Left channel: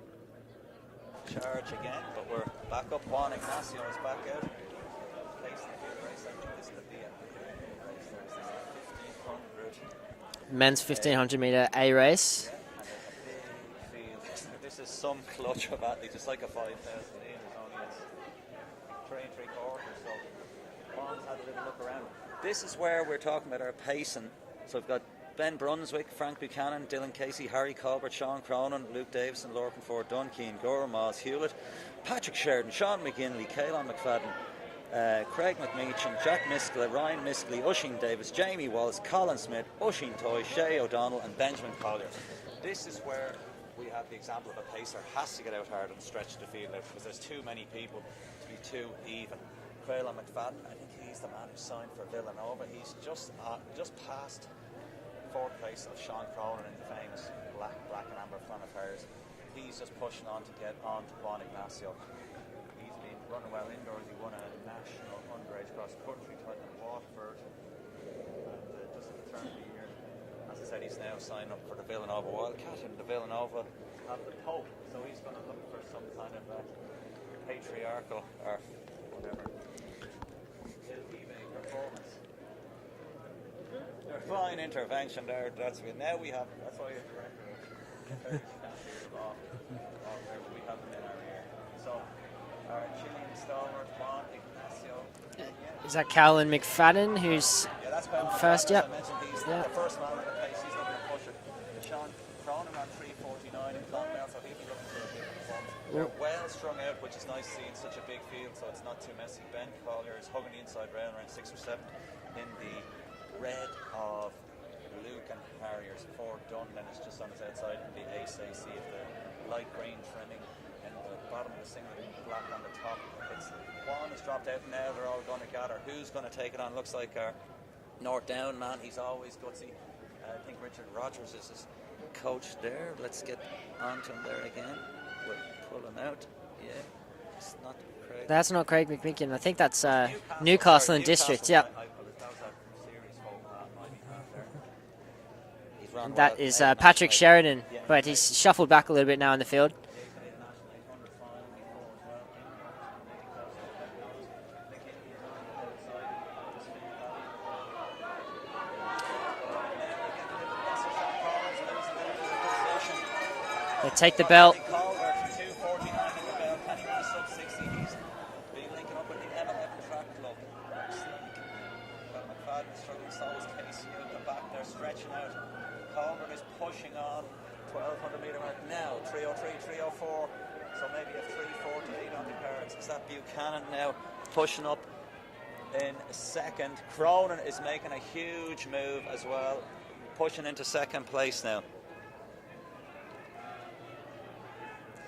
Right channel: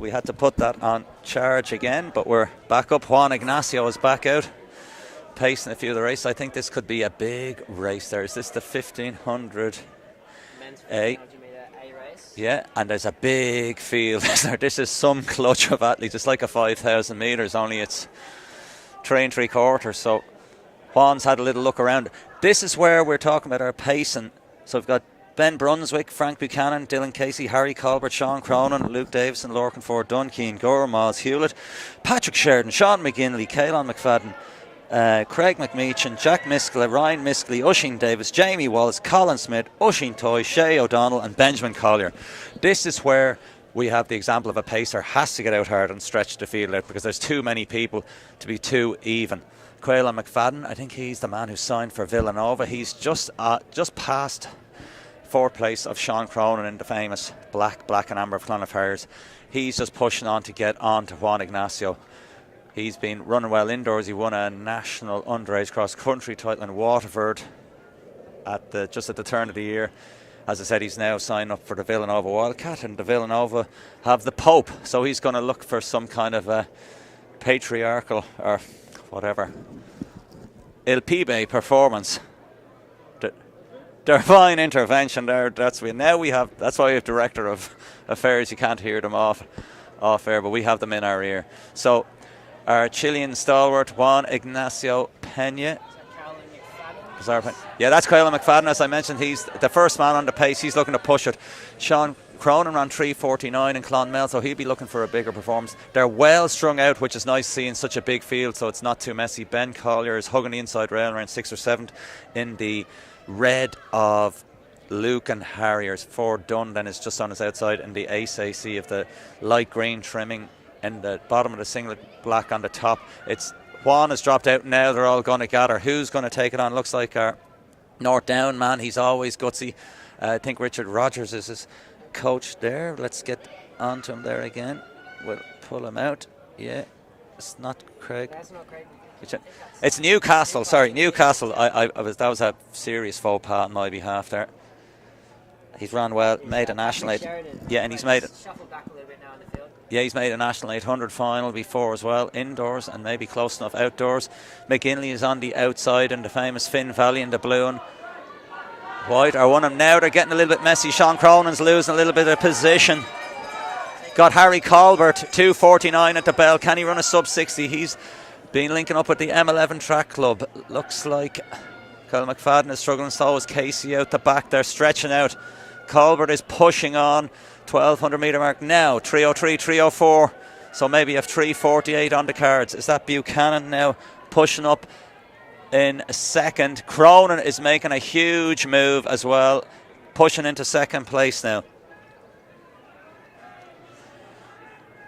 So we had to put that on charge again, but we're back up. Juan Ignacio is back out, pacing a few of the races. I think this could be a big race there. Is this the 1500? Men's 1500 metre A race. Yeah, and there's a big field. This is some clutch of athletes. It's like a 5,000 metres, only it's 3 3/4. So Juan's had a little look around. This is where we're talking about our pacing. So we've got Ben Brunswick, Frank Buchanan, Dylan Casey, Harry Colbert, Sean Cronin, Luke Davison, Lorcan Ford, Dunkean, Gore, Miles Hewlett, Patrick Sheridan, Sean McGinley, Caelan McFadden, Craig McMeechan, Jack Miskla, Ryan Miskley, Usheen Davis, Jamie Wallace, Colin Smith, Usheen Toy, Shay O'Donnell and Benjamin Collier. This is where we have the example of a pacer has to get out hard and stretch the field out because there's too many people to be too even. Caelan McFadden, I think he's the man who signed for Villanova. He's just past 4th place of Sean Cronin in the famous black and amber of Clonard Harriers. He's just pushing on to get on to Juan Ignacio. He's been running well indoors. He won a national underage cross-country title in Waterford just at the turn of the year. As I said, he's now signed up for the Villanova Wildcat, and the Villanova have the Pope, so he's going to look for some kind of a patriarchal or whatever Il Pibe performance. Divine intervention there. That's why we have director of affairs. You can't hear them off air, but we have them in our ear. So our Chilean stalwart Juan Ignacio Pena. Is that Caelan McFadden? Yeah, that's Caelan McFadden. As I mentioned, he's the first man on the pace. He's looking to push it. Sean Cronin ran 3:49 in Clonmel, so he'll be looking for a bigger performance. They're well strung out, which is nice seeing such a big field, so it's not too messy. Ben Collier is hugging the inside rail around 6th or 7th in the red of Luke and Harriers. Ford Dunn then is just on his outside in the ACC of the light green trimming in the bottom of the singlet, black on the top. It's Juan has dropped out now. They're all going to gather. Who's going to take it on? Looks like our North Down man. He's always gutsy. I think Richard Rogers is his coach there. Let's get onto him there again. We'll pull him out. Yeah, it's not Craig. That's not Craig McMeekin. I think that's it's Newcastle. Sorry, Newcastle. District, yeah. That was a serious faux pas on my behalf there. He's run well. That is Patrick Sheridan. Yeah, and he's shuffled back a little bit now in the field. Yeah, he's made a National 800 final before as well, indoors and maybe close enough outdoors. McGinley is on the outside in the famous Finn Valley in the blue and white. Are one of them now. They're getting a little bit messy. Sean Cronin's losing a little bit of position. Got Harry Colbert, 2:49 at the bell. Can he run a sub 60? He's been linking up with the M11 track club. Looks like Caelan McFadden is struggling. So is Casey out the back. They're stretching out. Colbert is pushing on 1200 metre mark now. 3:03, 3:04. So maybe a 3:48 on the cards. Is that Buchanan now pushing up in second? Cronin is making a huge move as well, pushing into second place now.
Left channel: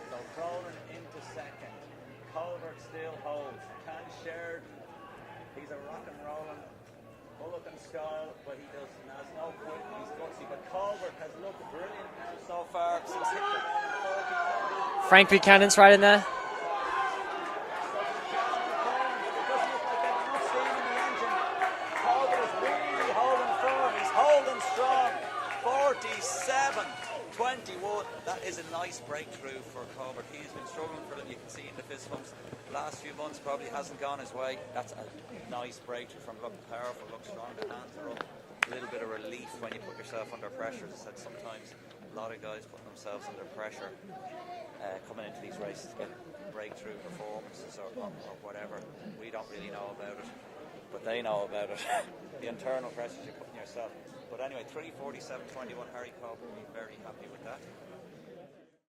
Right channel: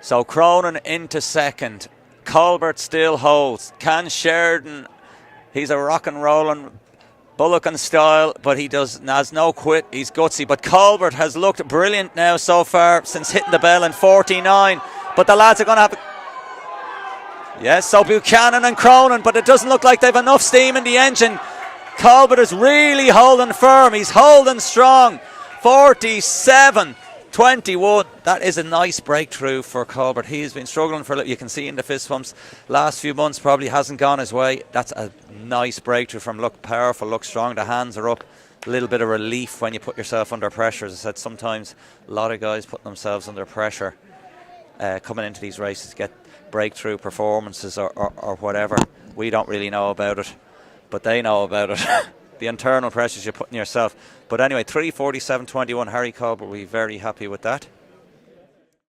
So Cronin into second. Colbert still holds. Can Sheridan, he's a rock and rolling Bullock in style, but he has no quit. He's gutsy. But Colbert has looked brilliant now so far since hitting the bell in 49. But the lads are going to... Yes, so Buchanan and Cronin, but it doesn't look like they've enough steam in the engine. Colbert is really holding firm. He's holding strong. 47-21. That is a nice breakthrough for Colbert. He's been struggling for a little. You can see in the fist pumps last few months probably hasn't gone his way. That's a nice breakthrough from look powerful, look strong. The hands are up. A little bit of relief when you put yourself under pressure. As I said, sometimes a lot of guys put themselves under pressure coming into these races to get breakthrough performances or whatever. We don't really know about it, but they know about it. The internal pressures you put on yourself. But anyway, 3:47.21. Harry Colbert will be very happy with that.